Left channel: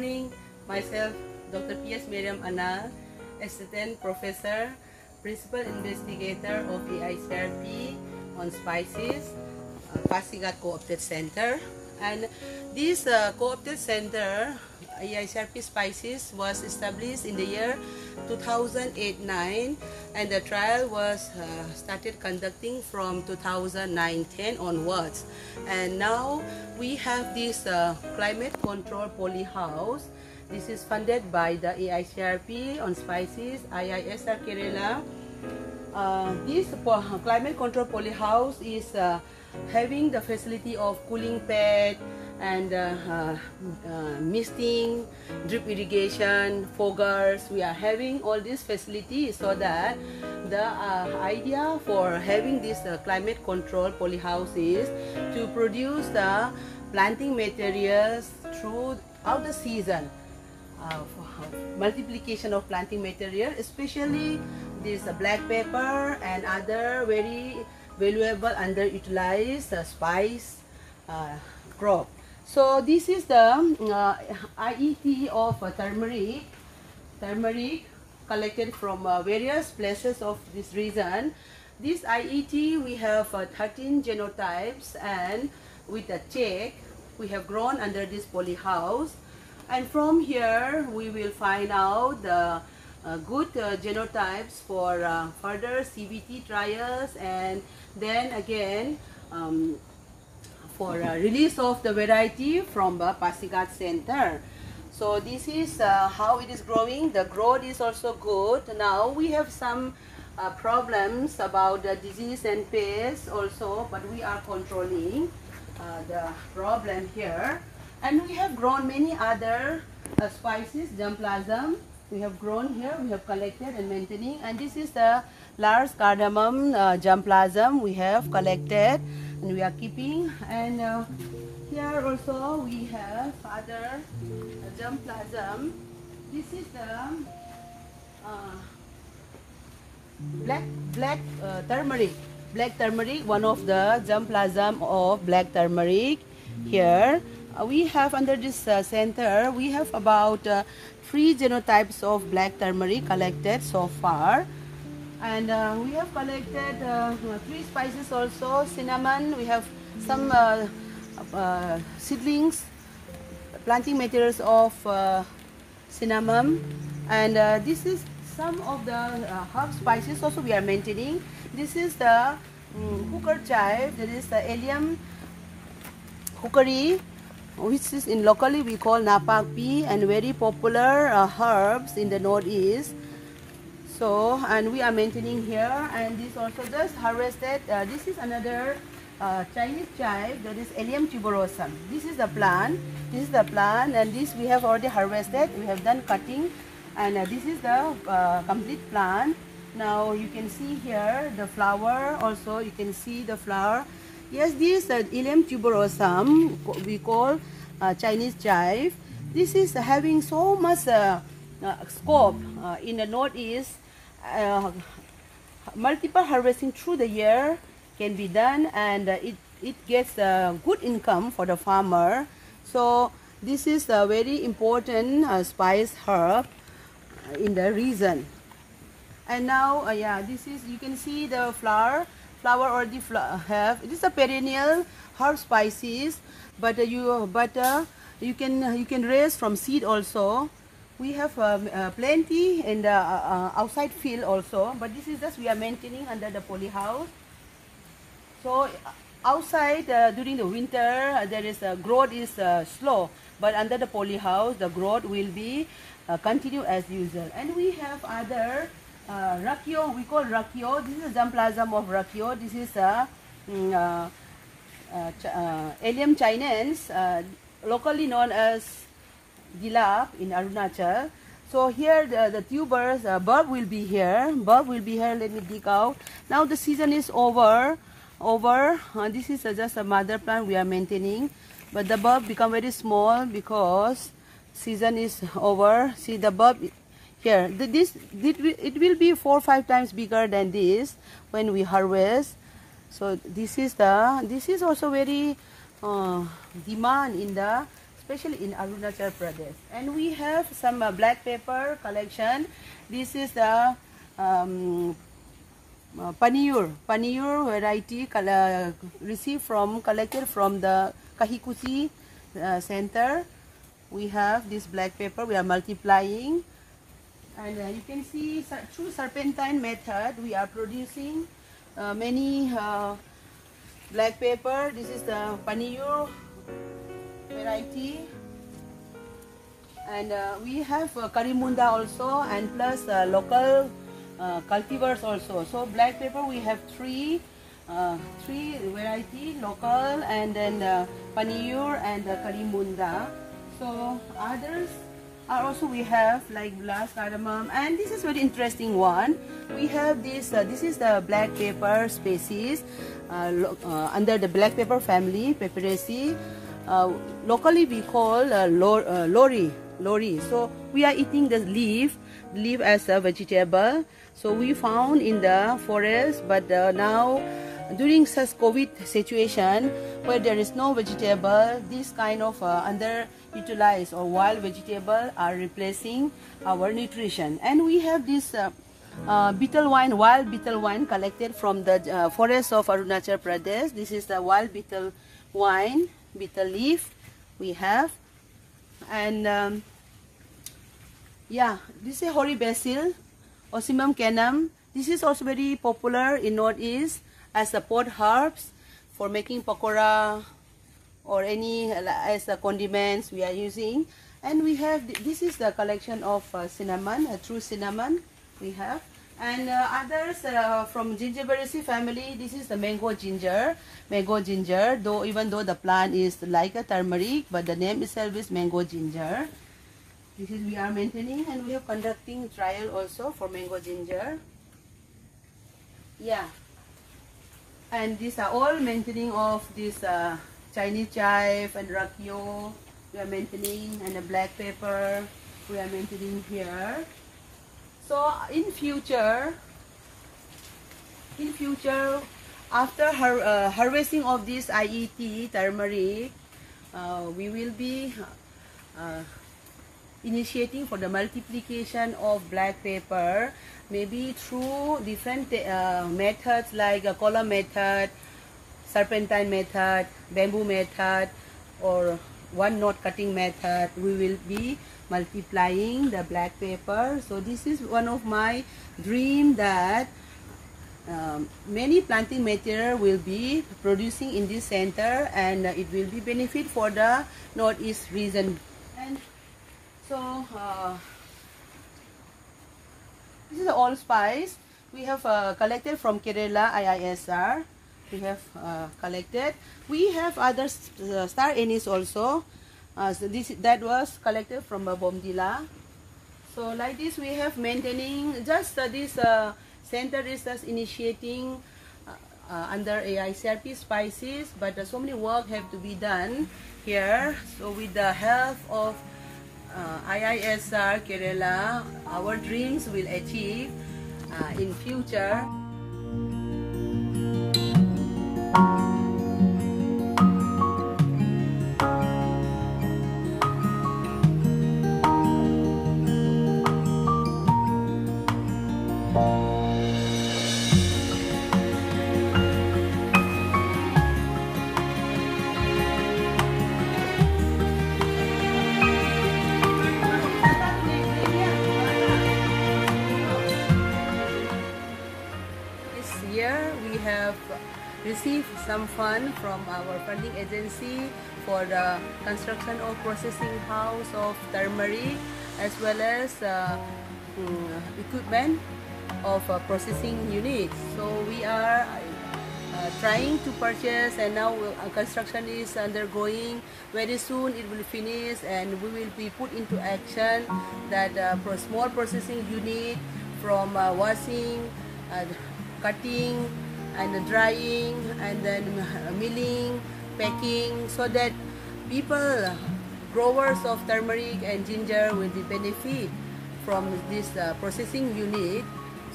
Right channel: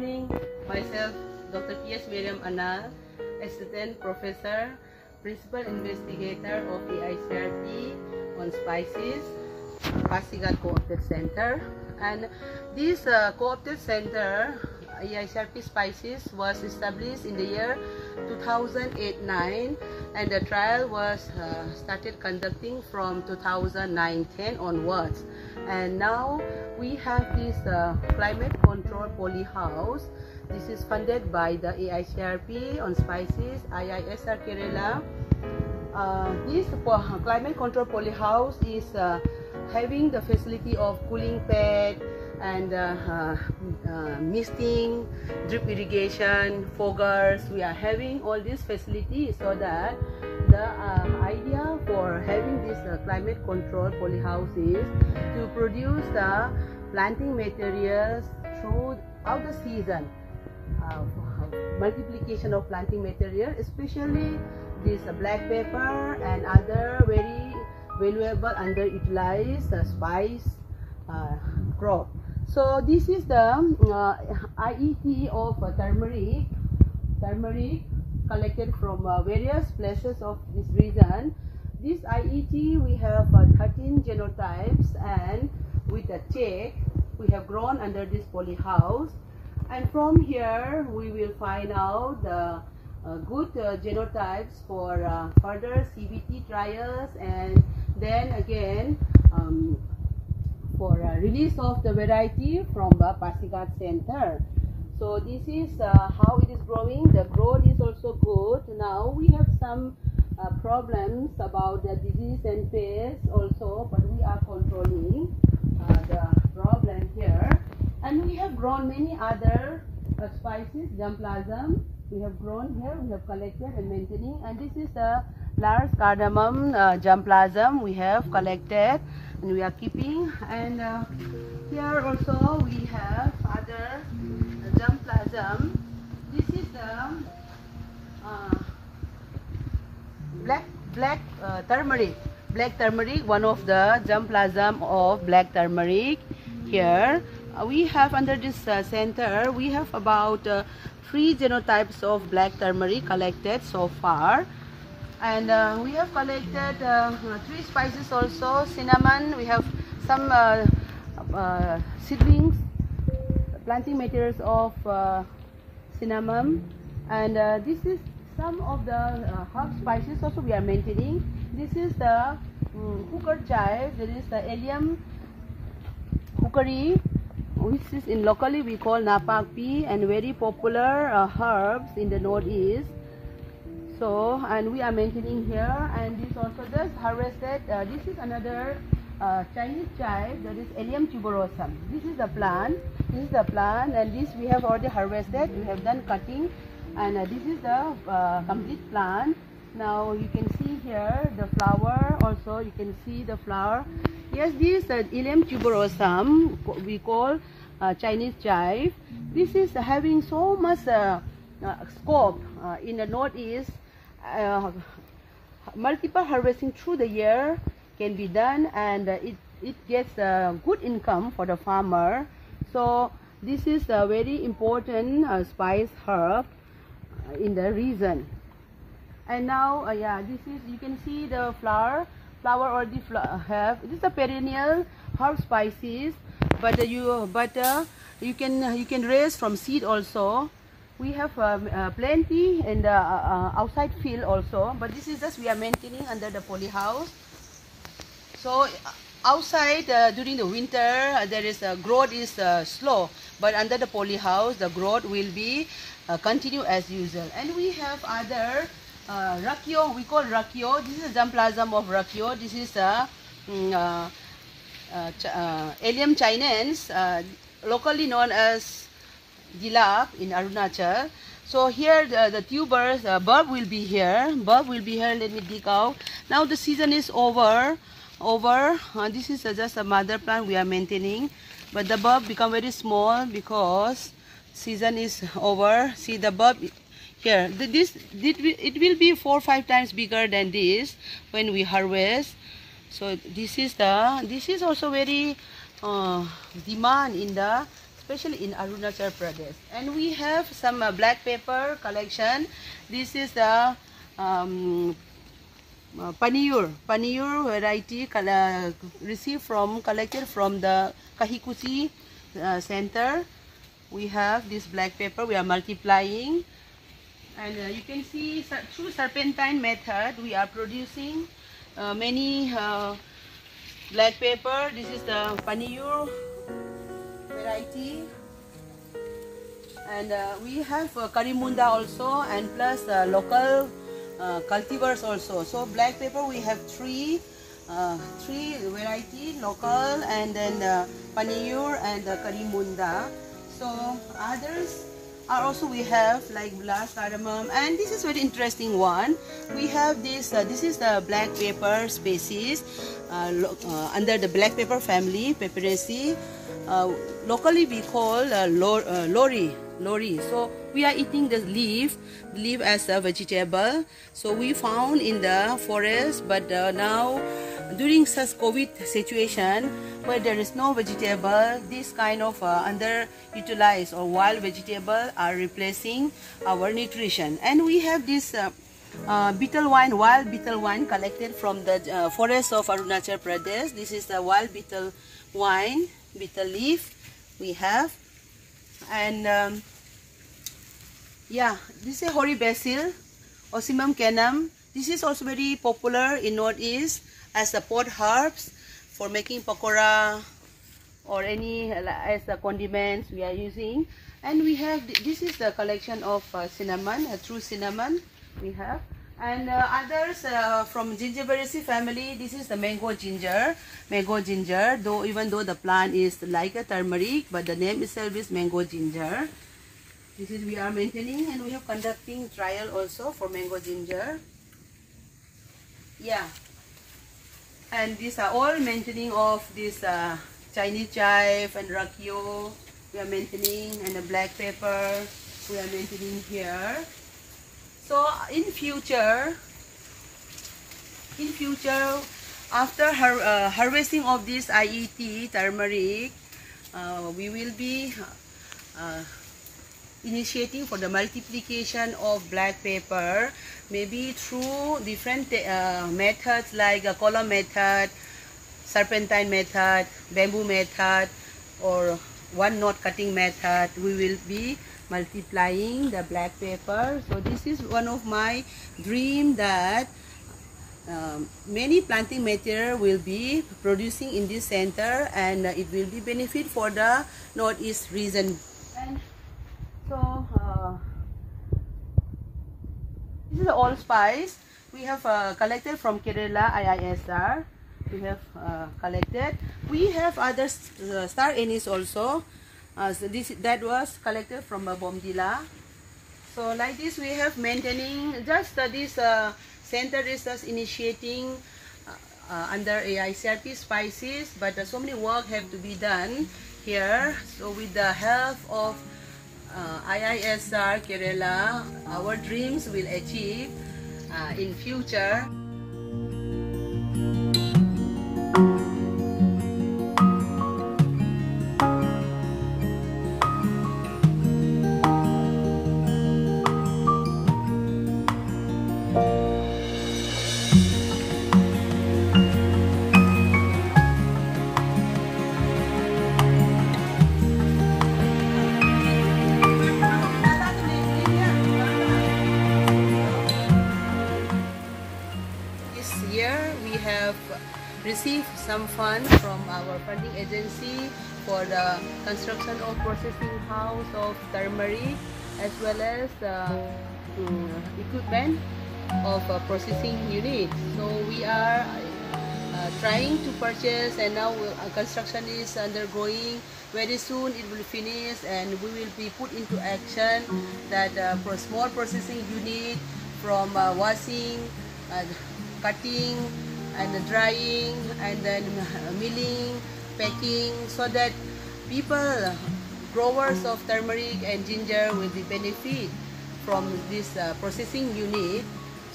morning. Myself, Dr. P.S. Miriam Anal, Assistant Professor, Principal Investigator of AICRP on Spices, Pasigat Co-opted Center. And this Co-opted Center, AICRP Spices, was established in the year 2008-9, and the trial was started conducting from 2009-10 onwards. And now we have this climate control poly house. This is funded by the AICRP on Spices, IISR Kerala. This climate control poly house is having the facility of cooling pad and misting, drip irrigation, foggers. We are having all these facilities so that the idea for having this climate control polyhouse is to produce the planting materials throughout the season. Multiplication of planting material, especially this black pepper and other very valuable underutilized spice crop. So this is the IET of turmeric collected from various places of this region. This IET, we have 13 genotypes, and with the check we have grown under this poly house, and from here we will find out the good genotypes for further CBT trials, and then again for release of the variety from the Pasigat Center. So this is how it is growing. The growth is also good. Now we have some problems about the disease and pests also, but we are controlling the problem here. And we have grown many other spices, germplasm. We have grown here, we have collected and maintaining. And this is the large cardamom germplasm we have collected and we are keeping. And here also we have other germplasm. This is the black turmeric, one of the germplasm of black turmeric. Here we have under this center, we have about 3 genotypes of black turmeric collected so far. And we have collected 3 spices also, cinnamon. We have some seedlings, planting materials of cinnamon. And this is some of the herb spices also we are maintaining. This is the hooker chive. There is the Allium hookeri, which is in locally we call napakpi, and very popular herbs in the northeast. So, and we are maintaining here, and this also just harvested. This is another Chinese chive, that is Allium tuberosum. This is the plant. This is the plant, and this we have already harvested. We have done cutting, and this is the complete plant. Now you can see here the flower. Also, you can see the flower. Yes, this Allium tuberosum we call Chinese chive. This is having so much scope in the northeast. Multiple harvesting through the year can be done, and it gets good income for the farmer. So this is a very important spice herb in the region. And now yeah, this is, you can see the flower already have. This is a perennial herb spices, but you can raise from seed also. We have plenty in the outside field also, but this is just we are maintaining under the poly house. So outside during the winter there is growth is slow, but under the poly house the growth will be continue as usual. And we have other rakio, we call rakio. This is a germplasm of rakio. This is Allium chinense, locally known as Dilap in Arunachal. So here the tubers, bulb will be here. Bulb will be here. Let me dig out. Now the season is over. This is just a mother plant we are maintaining, but the bulb become very small because season is over. See the bulb here. It will be 4 or 5 times bigger than this when we harvest. So this is also very demand in the especially in Arunachal Pradesh. And we have some black pepper collection. This is the Paniyur variety collected from the Kahikuchi center. We have this black pepper. We are multiplying, and you can see through serpentine method we are producing many black pepper. This is the Paniyur variety, and we have Karimunda also, and plus local cultivars also. So black pepper we have three variety, local, and then Paniyur and Karimunda. So others are also we have like black cardamom, and this is very interesting one. We have this. This is the black pepper species under the black pepper family, Peperaceae. Locally we call lori. So we are eating the leaf as a vegetable. So we found in the forest, but now during such COVID situation where there is no vegetable, this kind of underutilized or wild vegetable are replacing our nutrition. And we have this betel wine, wild betel wine collected from the forest of Arunachal Pradesh. This is the wild betel wine, betel leaf we have. And yeah, this is hoary basil, Ocimum canum. This is also very popular in Northeast as the pot herbs for making pakora or any as the condiments we are using. And we have this is the collection of cinnamon, true cinnamon we have. And others from Gingiberaceae family, this is the mango ginger. Though even though the plant is like a turmeric, but the name itself is mango ginger. This is we are maintaining, and we are conducting trial also for mango ginger. Yeah, and these are all maintaining of this Chinese chive and rakio we are maintaining, and the black pepper we are maintaining here. So in future after harvesting of this IET turmeric, we will be initiating for the multiplication of black pepper, maybe through different methods like a column method, serpentine method, bamboo method, or one knot cutting method. We will be multiplying the black pepper. So this is one of my dream that many planting material will be producing in this center, and it will be benefit for the Northeast region. And so this is the allspice we have collected from Kerala IISR. We have collected. We have other star anise also. So that was collected from Bomdila. So like this we have maintaining just this center is just initiating under AICRP spices, but so many work have to be done here. So with the help of IISR Kerala, our dreams will achieve in future. Received some fund from our funding agency for the construction of processing house of turmeric, as well as equipment of processing unit. So we are trying to purchase, and now construction is undergoing. Very soon it will finish, and we will be put into action that small processing unit from washing, cutting, and drying, and then milling, packing, so that people, growers of turmeric and ginger, will be benefit from this processing unit.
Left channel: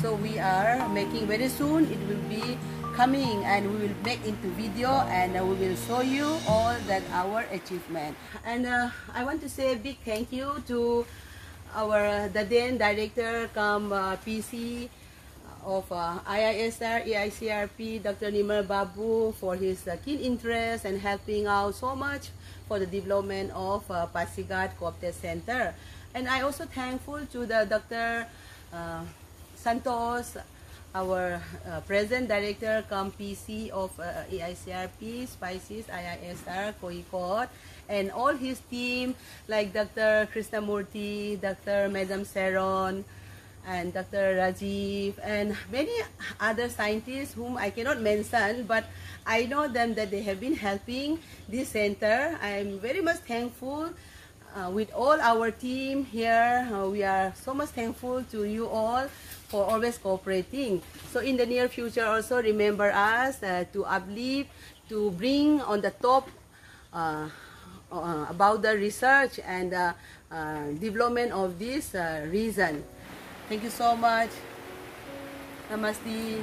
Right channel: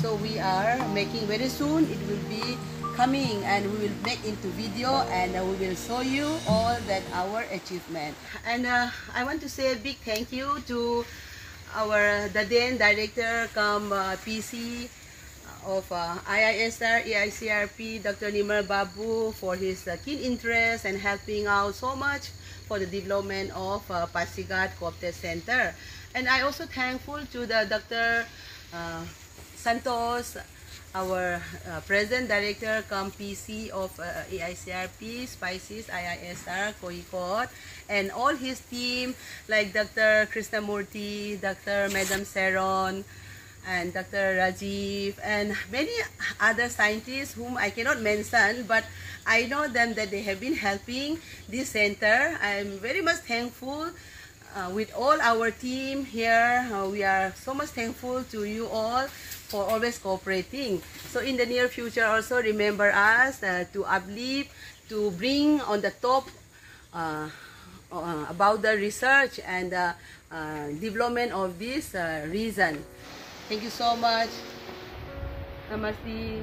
So we are making very soon it will be coming, and we will make into video, and we will show you all that our achievement. And I want to say a big thank you to the then director PC of IISR, EICRP, Dr. Nimal Babu, for his keen interest and helping out so much for the development of Pasigat Co-op Center. And I also thankful to the Dr. Santos, our present director PC of EICRP, Spices, IISR, Koikot, and all his team like Dr. Krishnamurthy, Dr. Madam Seron, and Dr. Rajiv, and many other scientists whom I cannot mention, but I know them that they have been helping this center. I'm very much thankful with all our team here. We are so much thankful to you all for always cooperating. So in the near future also remember us to uplift, to bring on the top about the research and development of this region. Thank you so much. Namaste.